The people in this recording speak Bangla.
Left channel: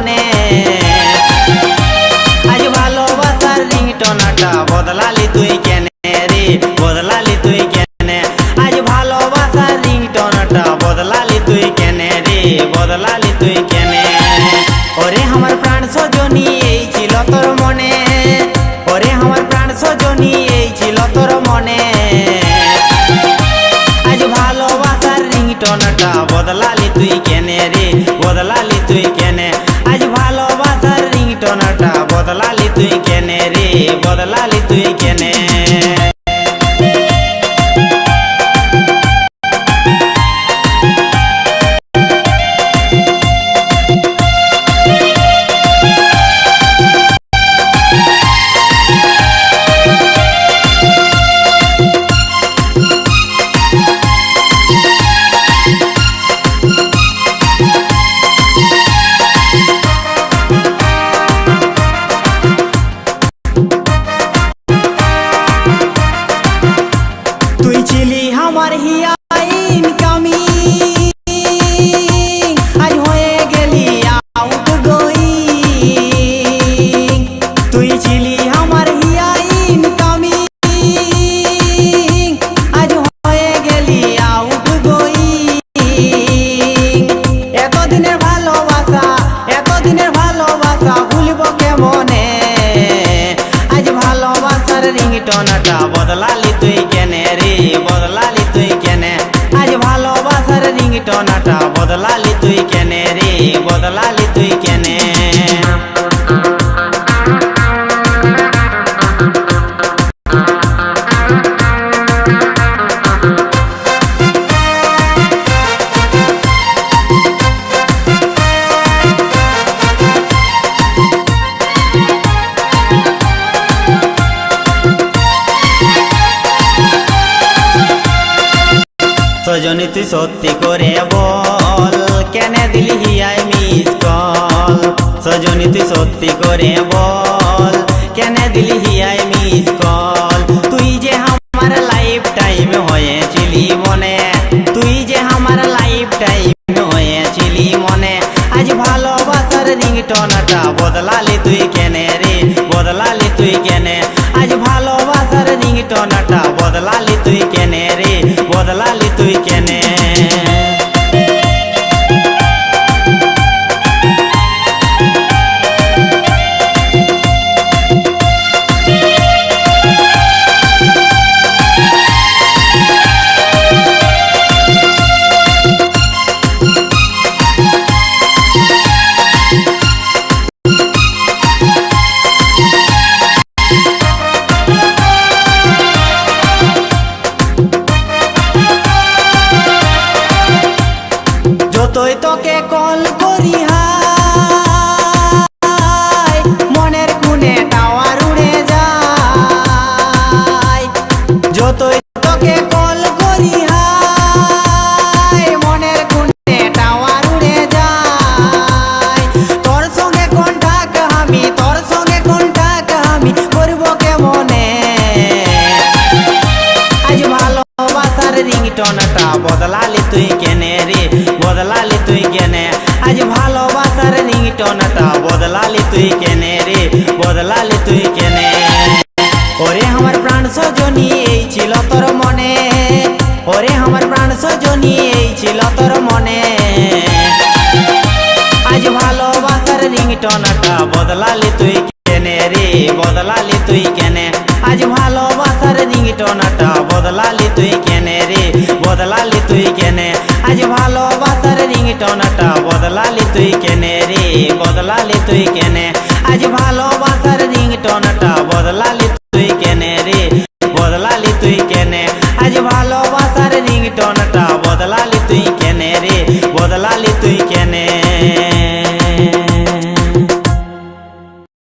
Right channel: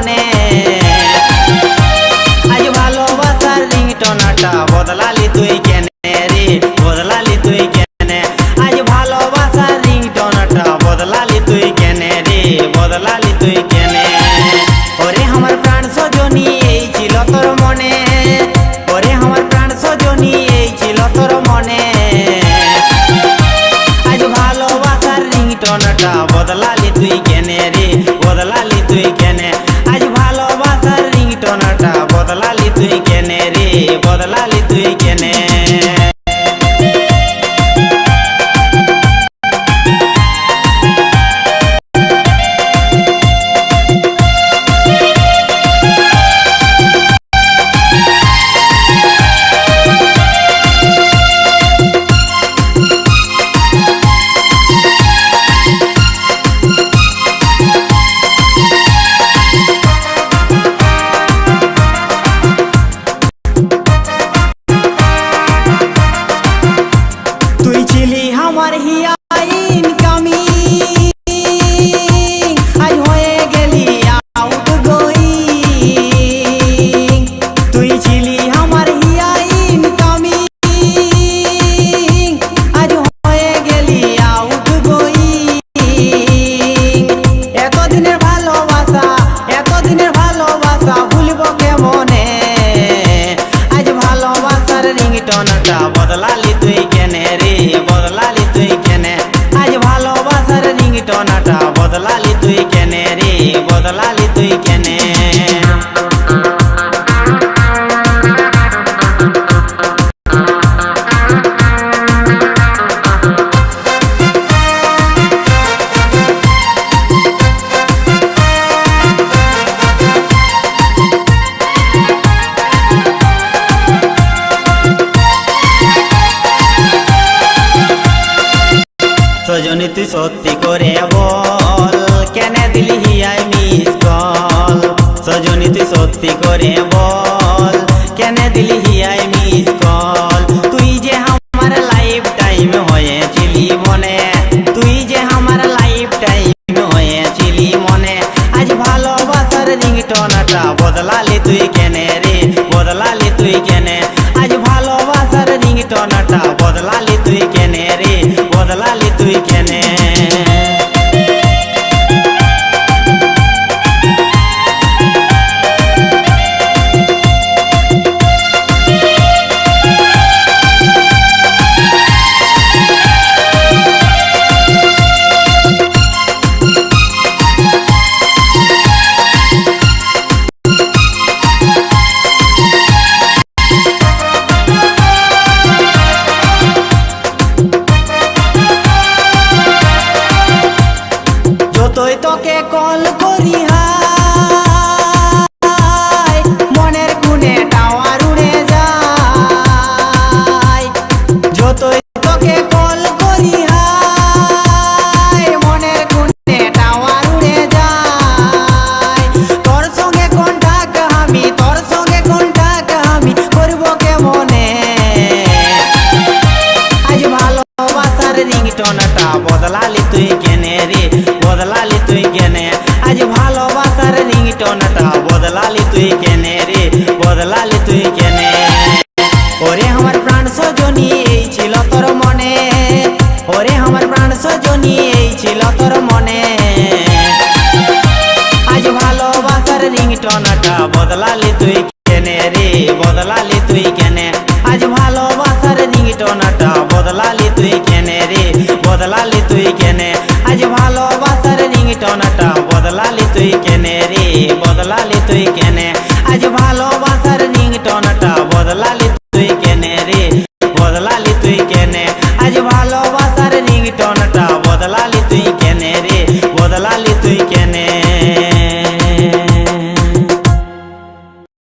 মনে আজ ভালোবাসার রিংটোনটা বদলালি তুই কেনে রে বদলালি তুই কেনে আজ ভালোবাসার রিংটোনটা বদলালি তুই কেনে রে বদলালি তুই কেনে ওরে আমার প্রাণ সজনী এই ছিল তোর মনে ওরে আমার প্রাণ সজনী এই ছিল তোর মনে আজ ভালোবাসার রিংটোনটা বদলালি তুই কেনে রে বদলালি তুই কেনে আজ ভালোবাসার রিংটোনটা বদলালি তুই কেনে রে বদলালি তুই কেনে আমার হিয়াইন কামি আজ হয়ে গেলি আউট গোয়িং তুই ছিলি আমার হিয়াইন কামি আজ হয়ে গেলি আউট গোয়িং এতদিনের ভালোবাসা ভুলবো কেমনে আজ ভালোবাসার রিংটোনটা বদলালি তুই কেনে রে বদলালি তুই কেনে আজ ভালোবাসার রিংটোনটা বদলালি তুই কেনে রে বদলালি তুই কেনে সজনী তুই সত্যি করে বল কেনে দিলি আই মিস কল সজনী তুই সত্যি করে বল কেনে দিলি আই মিস কল তুই যে আমার লাইফ টাইম হয়েছিলি মনে তুই যে আমার লাইফ টাইম হয়েছিলি মনে আজ ভালোবাসার রিংটোনটা বদলালি তুই কেনে রে বদলালি তুই কেনে আজ ভালোবাসার রিংটোনটা বদলালি তুই কেনে রে বদলালি তুই কেনে যতই তোকে কল করি হায় মনের কোণে টাওয়ার উড়ে যায় যতই তোকে কল করি হায় মনের কোণে টাওয়ার উড়ে যায় তোর সঙ্গে কন্টাক্ট আমি করবো কেমনে আজ ভালোবাসার রিংটোনটা বদলালি তুই কেনে রে বদলালি তুই কেনে আজ ভালোবাসার রিংটোনটা বদলালি তুই কেনে রে বদলালি তুই কেনে ওরে আমার প্রাণ সজনী এই ছিল তোর মনে ওরে আমার প্রাণ সজনী এই ছিল তোর মনে আজ ভালোবাসার রিংটোনটা বদলালি তুই